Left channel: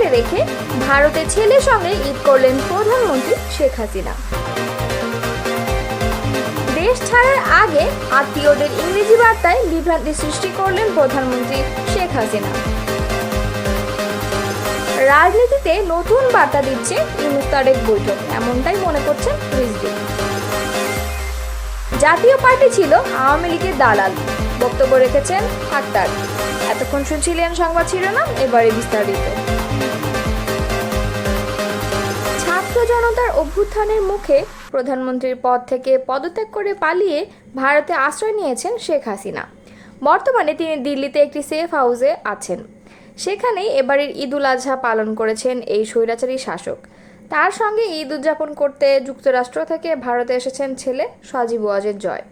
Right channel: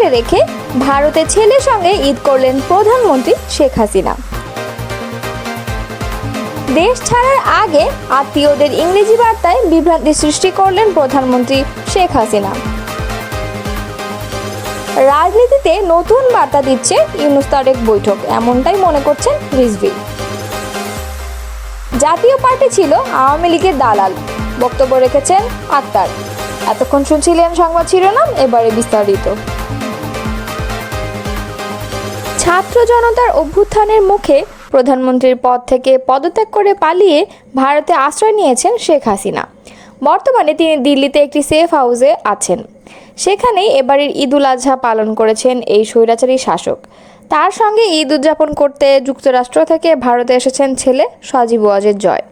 সাথে রেখে ভারতে ছেলের সঙ্গে ঈদ করলেন প্রধানমন্ত্রী শেখ হাসিনা। দেশ ছাড়ার আগে আত্মীয়দের ইংরেজি বার্তায় বিভ্রান্তি সৃষ্টি করলেন প্রধানমন্ত্রী শেখ হাসিনা। রাজনীতিতে নতুন বার্তা দিচ্ছে ইউনূস তারেক বৈঠক, এমনটাই মনে করছেন রিজভী। জাতীয় পার্টি ছিল আওয়ামী লীগের দালাল, বক্তব্য রেখেছেন আক্তার। এতক্ষণ শুনছিলেন সংবাদ শিরোনাম, এবারে বিস্তারিত। ছাত্র জনতার অভ্যুত্থানের মুখে প্রধানমন্ত্রীর পদ থেকে পদত্যাগ করে পালিয়ে ভারতে আশ্রয় নিয়েছেন শেখ হাসিনা। বর্তমানে তিনি দিল্লিতে একটি সেফ হাউসে আছেন। সেখানেই এবারের ঈদ উল আজহা পালন করেছেন এই স্বৈরাচারী শাসক। তার সঙ্গে ঈদ উদযাপন করতে যুক্তরাষ্ট্র থেকে ভারতে এসেছেন ছেলে সজীব ওয়াজেদ জয়।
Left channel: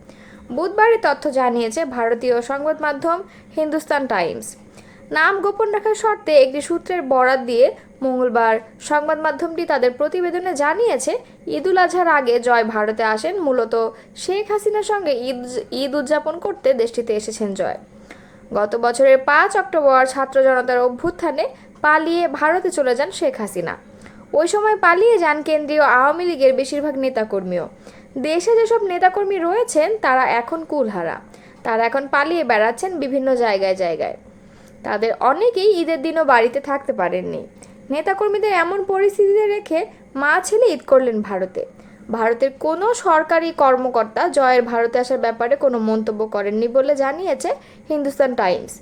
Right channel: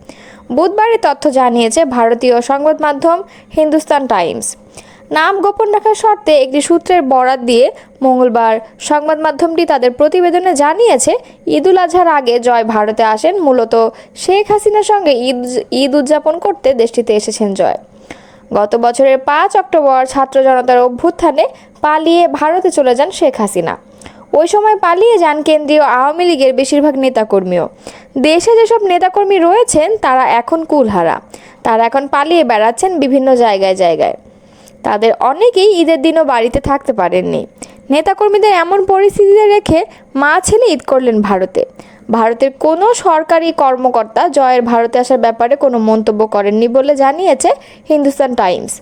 বুধবার এই তথ্য জানিয়েছে ভারতীয় সংবাদ মাধ্যম হিন্দুস্তান টাইমস। নাম গোপন রাখার শর্তে একটি সূত্রের বরাত দিয়ে মঙ্গলবার সংবাদ মাধ্যমটি তাদের প্রতিবেদনে জানিয়েছে, ঈদ উল আজহার আগে জয় ভারতে আসেন মূলত শেখ হাসিনার সঙ্গে ঈদ উদযাপন করতে দেশটিতে এসেছেন জয়। গত বছরের 5 অক্টোবর ছাত্র জনতার অভ্যুত্থানে পালিয়ে ভারতে চলে যান শেখ হাসিনা। ওই সময় পালিয়ে যান কেন্দ্রীয় আওয়ামী লীগের বেশিরভাগ নেতাকর্মীও। দেশে যেসব নেতাকর্মী রয়েছেন তারা এখন কুলহারা। তারা এখন পালিয়ে বেড়াচ্ছেন বিভিন্ন জায়গায়। তাদের অনেকেই ঈদের দিনও বাড়িতে থাকতে পারেননি। নেতাকর্মীদের এমন পরিস্থিতিতে রেখে মা ছেলে ঈদ করলেন ভারতে। ভারতের কোনো সরকারি কর্মকর্তা জয়ের ভারতে আসার ব্যাপারে কোনো মন্তব্য করেননি বলে জানিয়েছে হিন্দুস্তান টাইমস।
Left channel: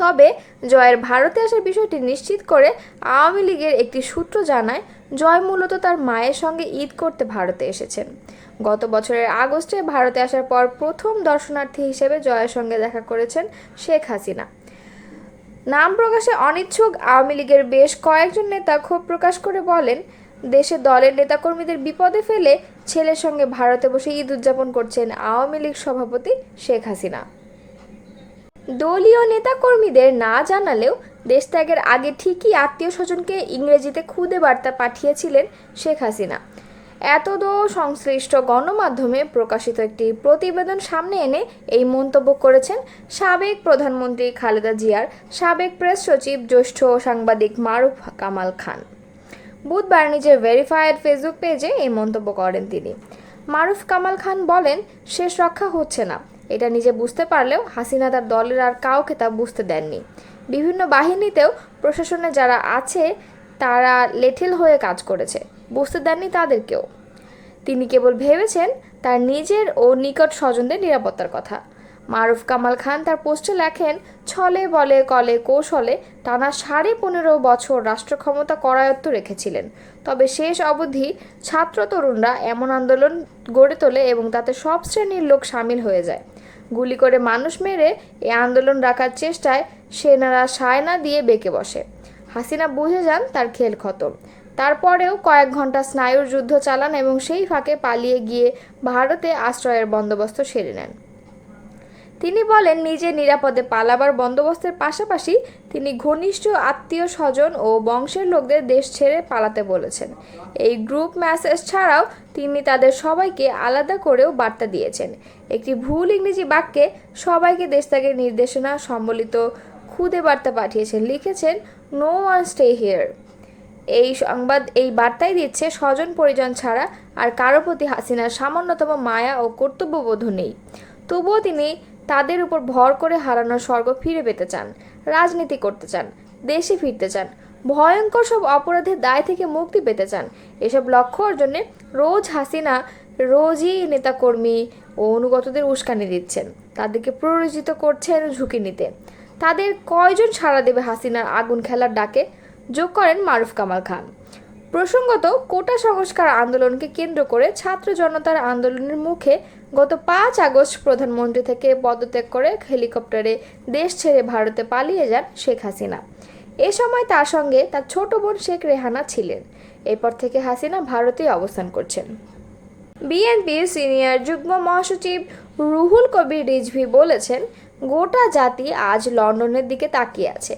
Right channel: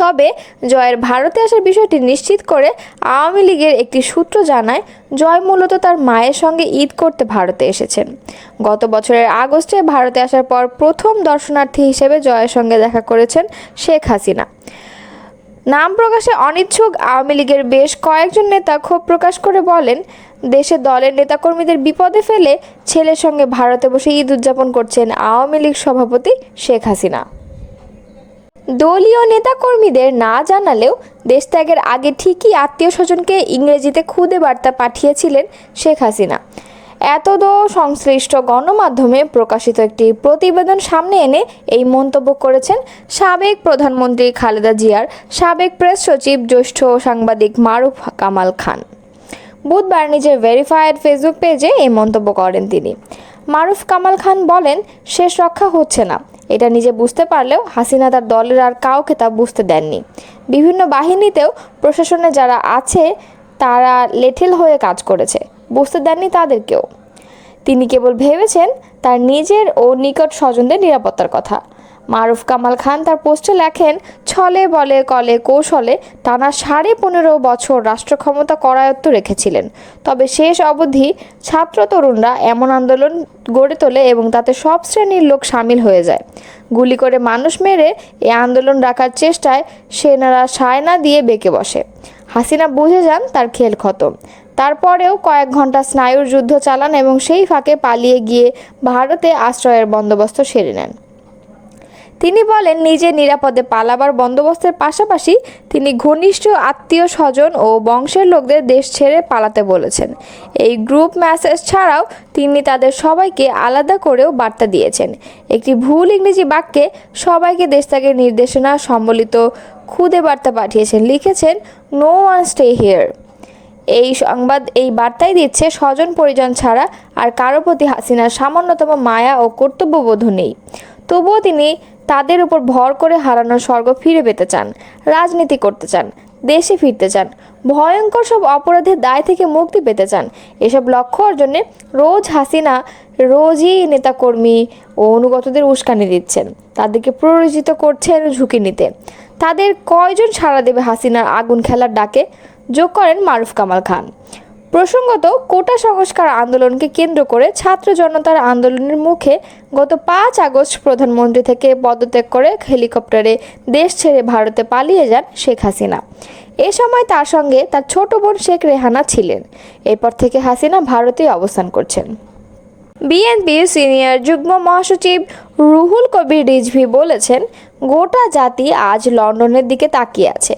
তবে জয়ের ভারতে আসার বিষয়টি নিশ্চিত করে আওয়ামী লীগের একটি সূত্র জানায়, জয় মূলত তার মায়ের সঙ্গে ঈদ করতে ভারতে এসেছেন। গত বছরের আগস্টে ভারতে আসার পর প্রথম দর্শনার্থী হিসেবে জয়ের সঙ্গে দেখা করেছেন শেখ হাসিনা। নাম প্রকাশে অনিচ্ছুক আওয়ামী লীগের বেশ কয়েকজন নেতা ক্ষোভ প্রকাশ করে বলেন, দেশে দলের নেতাকর্মীদের বিপদে ফেলে ছেলের সঙ্গে ভারতে বসে ঈদ উদযাপন করছেন আওয়ামী লীগ সভাপতি শেখ হাসিনা। দলীয় নেতাকর্মীদের না জানালেও দেশত্যাগের আগে ঠিকই আত্মীয় স্বজনকে ইংরেজিতে খুদে বার্তা পাঠিয়েছিলেন শেখ হাসিনা। এতদো সংশ্লিষ্ট গণমাধ্যমে প্রকাশিত একটি প্রতিবেদন সামনে এনে এই মন্তব্য করেছেন সাবেক প্রধানমন্ত্রী খালেদা জিয়ার সাবেক প্রেস সচিব জ্যেষ্ঠ সাংবাদিক মারুফ কামাল খান। বুধবার নিজের ভেরিফায়েড ফেসবুক পেজে এই মন্তব্য করেন তিনি। মারুফ কামাল খান বলেন, শেষ রক্ষা হচ্ছে না। এটা নিজে বুঝতে পারলেও হাসিনা তার দলের আর কাউকে তা বুঝতে দেননি। বিভিন্ন বাহিনীতেও প্রশাসনে যারা আছে তারা লেঠিল হয়ে কাজ করেছে, বুঝতে দেননি তাদেরকেও। তিনি কেবল ভেবেছেন তার নিজের ও নিকট স্বজনদের নিরাপত্তার কথা। মারুফ কামাল খান তার পোস্টে লেখেন, ছলে বলে কলে কৌশলে টানা 15.5 বছর রাষ্ট্র ক্ষমতা করায়ত্ত রেখেছিলেন। তবে শেষ অবধি ছাত্র তরুণরা এমন আন্দোলন গড়ে তোলে এবং তাতে সব শ্রেণীর লোক সামিল হয়ে যায়। গুলি করে মানুষ মেরে এই আন্দোলন রাখার চেষ্টায় সেনারা সায়না দিয়ে বেঁকে বসে। হাসিনা বুঝে যান তার খেল খতম। তারপরেও কয়েক ঘন্টা স্নায়ুর যুদ্ধ চালান এবং সেই ফাঁকে পালিয়ে গিয়ে ভারতে আশ্রয়ের বন্দোবস্ত সেরে নেন। তিনি বলেন, নিজে নিরাপদে পালাবার বন্দোবস্তের পাশাপাশি তিনি ঘনিষ্ঠ আত্মীয় স্বজন ও বংশের লোকদের দেশ ছেড়ে পালাতে বলেছেন। এই গ্রুপ মেসেজ ছাড়াও তিনি তাদের সবাইকে আলাদা করেও বার্তা দিয়েছেন। একটি ভুল ইংরেজি বাক্যে সবাইকে দেশত্যাগের নির্দেশনা সম্বলিত খুদে বার্তা পাঠিয়েছেন। লিখেছেন, নো ওয়ান স্টে হিয়ার। এই বার্তাই দিচ্ছে স্বজন পরিজন ছাড়া আর কারো প্রতি হাসিনার সামান্যতম মায়া ও কর্তব্যবোধ নেই। তবুও তিনি তাদের উপর ভর করে হারানোর স্বর্গ ফিরে পেতে চান, রাজনীতি করতে চান, দেশে ফিরতে চান, ভয়ঙ্কর সব অপরাধের দায় থেকে মুক্তি পেতে চান। এসব লক্ষ্য অর্জনে রোজই নেতাকর্মী ও অনুগতদের উস্কানি দিচ্ছেন, তাদেরকে প্ররোচিত করছেন ঝুঁকি নিতে। তাদের কয়জন সাড়া দেবে হাসিনার আগুন খেলার ডাকে, যোগ করেন মারুফ কামাল খান। প্রসঙ্গত, কোটা সংস্কার আন্দোলনকে কেন্দ্র করে ছাত্র জনতার আন্দোলনের মুখে গত 5 আগস্ট প্রধানমন্ত্রী থেকে পদত্যাগ করে হেলিকপ্টারে দেশ ছেড়ে ভারতে পালিয়ে যান শেখ হাসিনা। এ সময় তার সঙ্গে তার ছোট বোন শেখ রেহানা ছিলেন। এরপর থেকে হাসিনা ভারতেই অবস্থান করছেন। বিএনপির সিনিয়র যুগ্ম মহাসচিব রুহুল কবির রিজভী বলেছেন, গোটা জাতি আজ লন্ডনের দিকে তাকিয়ে আছে।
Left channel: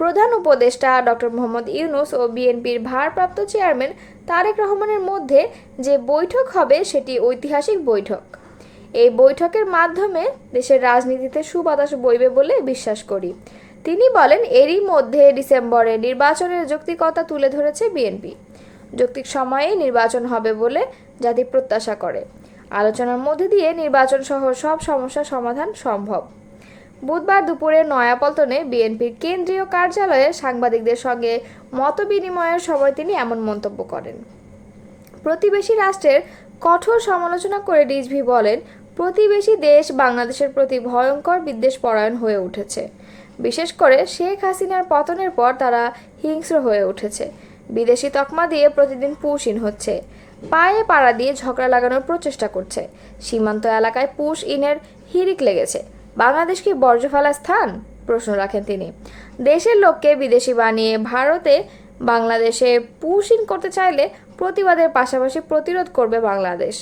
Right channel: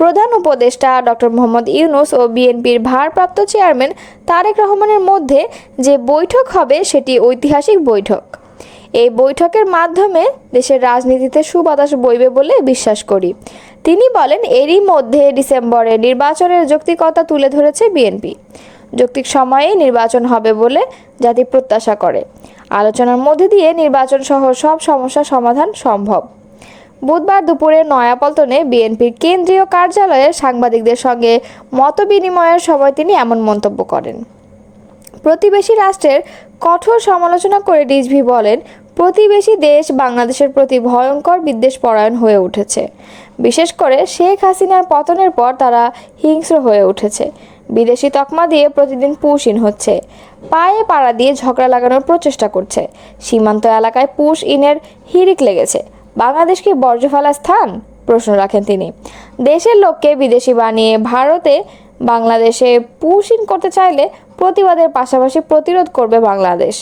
প্রধান উপদেষ্টা ডক্টর মোহাম্মদ ইউনূস ও বিএনপির ভারপ্রাপ্ত চেয়ারম্যান তারেক রহমানের মধ্যে যে বৈঠক হবে সেটি ঐতিহাসিক বৈঠক। এই বৈঠকের মাধ্যমে দেশের রাজনীতিতে সুবাতাস বইবে বলে বিশ্বাস করি। তিনি বলেন, এরই মধ্যে ডিসেম্বরে নির্বাচনের যৌক্তিকতা তুলে ধরেছে বিএনপি। যৌক্তিক সময়েই নির্বাচন হবে বলে জাতি প্রত্যাশা করে। আলোচনার মধ্যে দিয়ে নির্বাচন সহ সব সমস্যার সমাধান সম্ভব। বুধবার দুপুরে নয়াপল্টনে বিএনপির কেন্দ্রীয় কার্যালয়ে সাংবাদিকদের সঙ্গে মতবিনিময়ের সময় তিনি এমন মন্তব্য করেন। প্রতিবেশী রাষ্ট্রের কঠোর সমালোচনা করে রিজভী বলেন, প্রতিবেশী দেশ বাংলাদেশের প্রতি ভয়ঙ্কর বিদ্বেষপরায়ণ হয়ে উঠেছে। বিশেষ করে শেখ হাসিনার পতনের পর তারা হিংস্র হয়ে উঠেছে। বিদেশি তকমা দিয়ে প্রতিদিন পুশ-ইন হচ্ছে, পায়ে পাড়া দিয়ে ঝগড়া লাগানোর প্রচেষ্টা করছে। সীমান্ত এলাকায় পুশ-ইনের হিড়িক লেগেছে। বাংলাদেশ কি বর্জ্য ফেলার স্থান? প্রশ্ন রাখেন তিনি। দেশের লোককে বিদেশি বানিয়ে ভারতে বাংলাদেশে পুশ-ইন করতে চাইলে প্রতিবাদের পাশাপাশি প্রতিরোধ করবে বাংলাদেশ।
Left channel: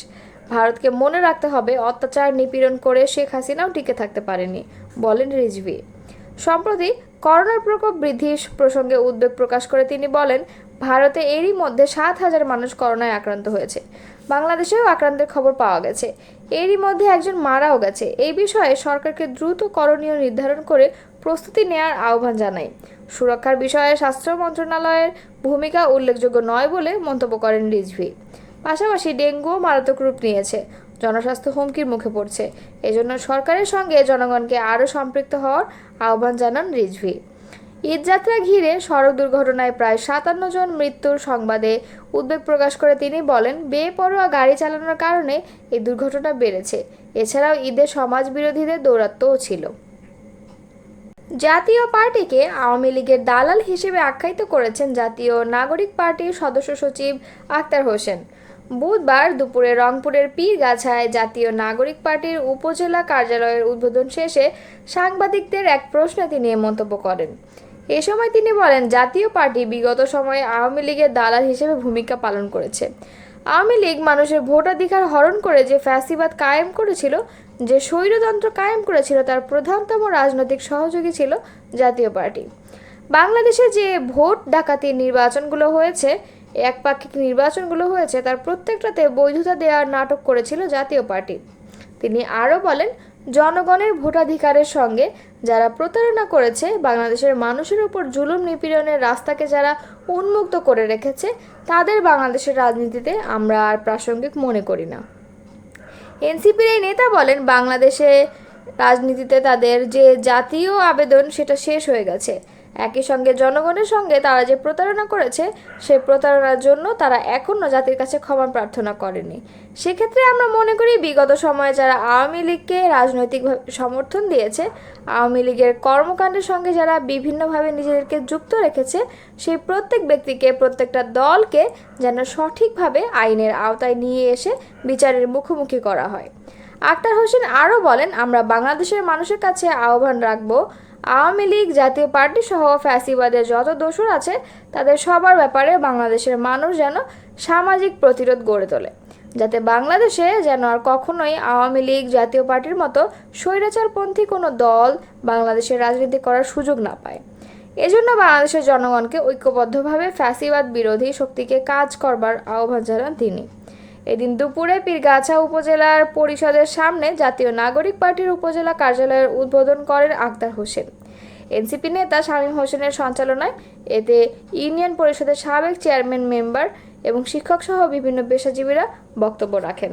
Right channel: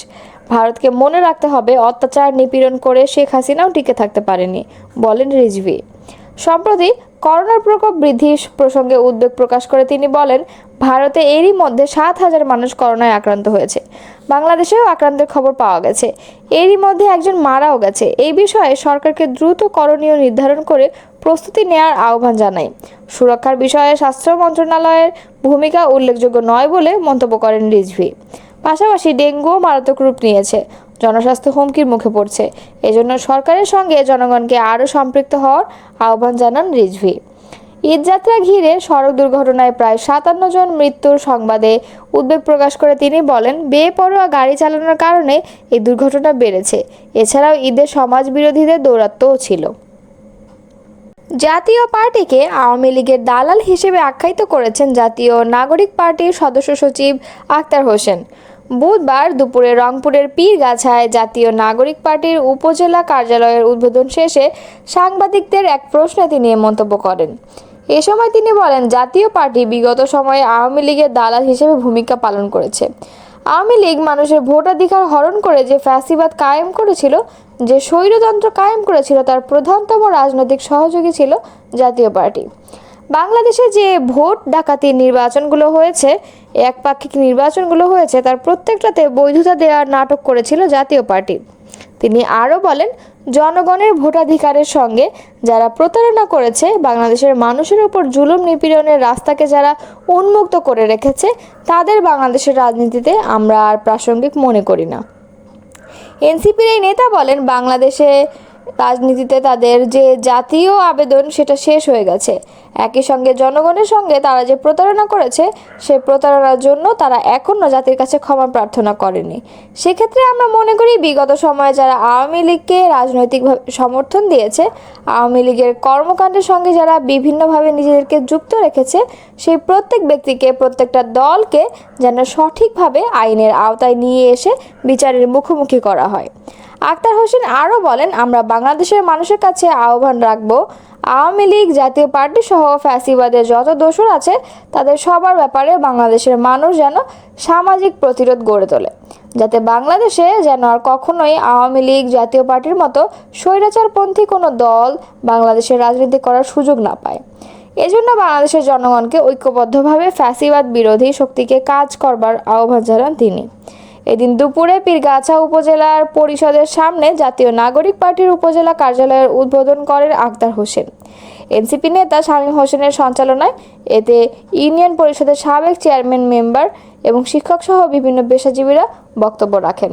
ভারতকে মনে রাখতে হবে, অত্যাচার নিপীড়ন করে শেখ হাসিনাও টিকে থাকতে পারেনি, বলেন রিজভী। সম্প্রতি করোনার প্রকোপ বৃদ্ধি প্রসঙ্গে উদ্বেগ প্রকাশ করে তিনি বলেন, ভারতে এরই মধ্যে 7,000 মানুষ করোনায় আক্রান্ত হয়েছে। বাংলাদেশেও আক্রান্তের খবর পাওয়া গেছে। এরই মধ্যে একজন মারাও গেছে। এই বিষয়ে সরকারকে দ্রুত করণীয় নির্ধারণ করে প্রস্তুতি নেওয়ার আহ্বান জানাই। সুরক্ষার বিষয়ে স্বাস্থ্য মন্ত্রণালয়ের ভূমিকা উল্লেখযোগ্য নয় বলে মন্তব্য করেন রিজভী। পাশাপাশি ডেঙ্গুও মারাত্মক রূপ নিয়েছে, জনস্বাস্থ্য হুমকির মুখে পড়ছে। এজন্য সরকারের সঙ্গে জনগণকে আরও সম্পৃক্ত হওয়ার আহ্বান জানান রিজভী। ঈদযাত্রা ঘিরে সড়ক দুর্ঘটনায় প্রায় 57 জন মৃত্যুর সংবাদে উদ্বেগ প্রকাশ করে তিনি বলেন, বেপরোয়া গাড়ি চালানোর কারণে এই দুর্ঘটনা বেড়েছে। এছাড়াও ঈদে সমাজ বিরোধীদের দৌরাত্ম্যও ছিল। জাতীয় পার্টিকে আওয়ামী লীগের দালাল হিসেবে আখ্যায়িত করেছেন জাতীয় নাগরিক পার্টির সদস্য সচিব আক্তার হোসেন। বুধবার দুপুরে রংপুরের পীরগাছায় জাতীয় নাগরিক পার্টির উপজেলা কার্যালয়ের উদ্বোধন শেষে সাংবাদিকদের এক প্রশ্নে তিনি এ মন্তব্য করেন। এ সময় তিনি বলেন, জাতীয় পার্টি বিগত সময়ে আওয়ামী লীগের দালাল হিসেবে ভূমিকা পালন করেছে। আওয়ামী লীগ মানুষের ভোটাধিকার হরণ করে যে ফ্যাসিবাদ কায়েম করেছিল, যে স্বৈরতন্ত্র কায়েম করেছিল, তার প্রধানতম রাজনৈতিক সহযোগী ছিল জাতীয় পার্টি। বাংলাদেশে যে ভোট ডাকাতি নির্বাচনগুলো হয়েছে, একপাক্ষিক নির্বাচনগুলো হয়েছে, তার প্রত্যেকটাতে বৈধতা দেওয়ার নাটক করেছিল জাতীয় পার্টি। তিনি আরও বলেন, জনগণের ভোটাধিকারের সঙ্গে যারা প্রতারণা করেছে, বাংলাদেশের মানুষের উপর জুলুম নিপীড়নের রাস্তাকে যারা উন্মুক্ত করে রেখেছে, তাদের বাংলাদেশের রাজনীতিতে আমরা আর প্রাসঙ্গিক মনে করি না। এনসিপির এই নেতা বলেন, বাংলাদেশে রাজনীতিতে তাদের যে জাতীয় আবেদন সেটা শেষ হয়ে গেছে। একই সঙ্গে জনগণের সঙ্গে তারা যে প্রতারণা করেছে, সেই প্রতারণার জন্য তারা এখনও জাতির কাছে ক্ষমা প্রার্থনা করেনি। সেক্ষেত্রে আমরা মনে করি, বিগত সময়ে যারা আওয়ামী লীগকে রাজনৈতিকভাবে সমর্থন দিয়েছে, আওয়ামী লীগের কর্মকাণ্ডের সঙ্গে যারা বিভিন্নভাবে নিজেদেরকে যুক্ত রেখেছে, সেই প্রত্যেক ব্যক্তিকে, প্রত্যেকটা দলকে যেন সঠিকভাবে আইনের আওতায় নিয়ে এসে বিচারের মুখোমুখি করা হয়। আক্তার হোসেন আরও বলেন, আমরা বাংলাদেশের মানুষের কাছে আহ্বান রাখব, আওয়ামী লীগ, জাতীয় পার্টি সহ ফ্যাসিবাদের যত দোসর আছে, তাদের সবার ব্যাপারে বাংলাদেশের মানুষ যেন সামাজিক প্রতিরোধ গড়ে তোলে, যাতে বাংলাদেশে যেন আর কখনোই আওয়ামী লীগ, জাতীয় পার্টির মতো স্বৈরাচারপন্থী কোনো দল বাংলাদেশের রাজনীতি করার সুযোগ না পায়। এজন্য বাংলাদেশের জনগণকে ঐক্যবদ্ধভাবে ফ্যাসিবাদ বিরোধী শক্তিকে কাজ করবার আহ্বান জানান তিনি। এদিন দুপুরে পীরগাছা উপজেলার পরিষদের সামনে জাতীয় নাগরিক পার্টির উপজেলা কার্যালয়ের উদ্বোধন করেন আক্তার হোসেন। এনসিপি নেতা শামীম হোসেনের সঞ্চালনায় এতে ইউনিয়ন পরিষদের সাবেক চেয়ারম্যান, মেম্বার এবং শিক্ষকসহ বিভিন্ন পেশাজীবীরা বক্তব্য রাখেন।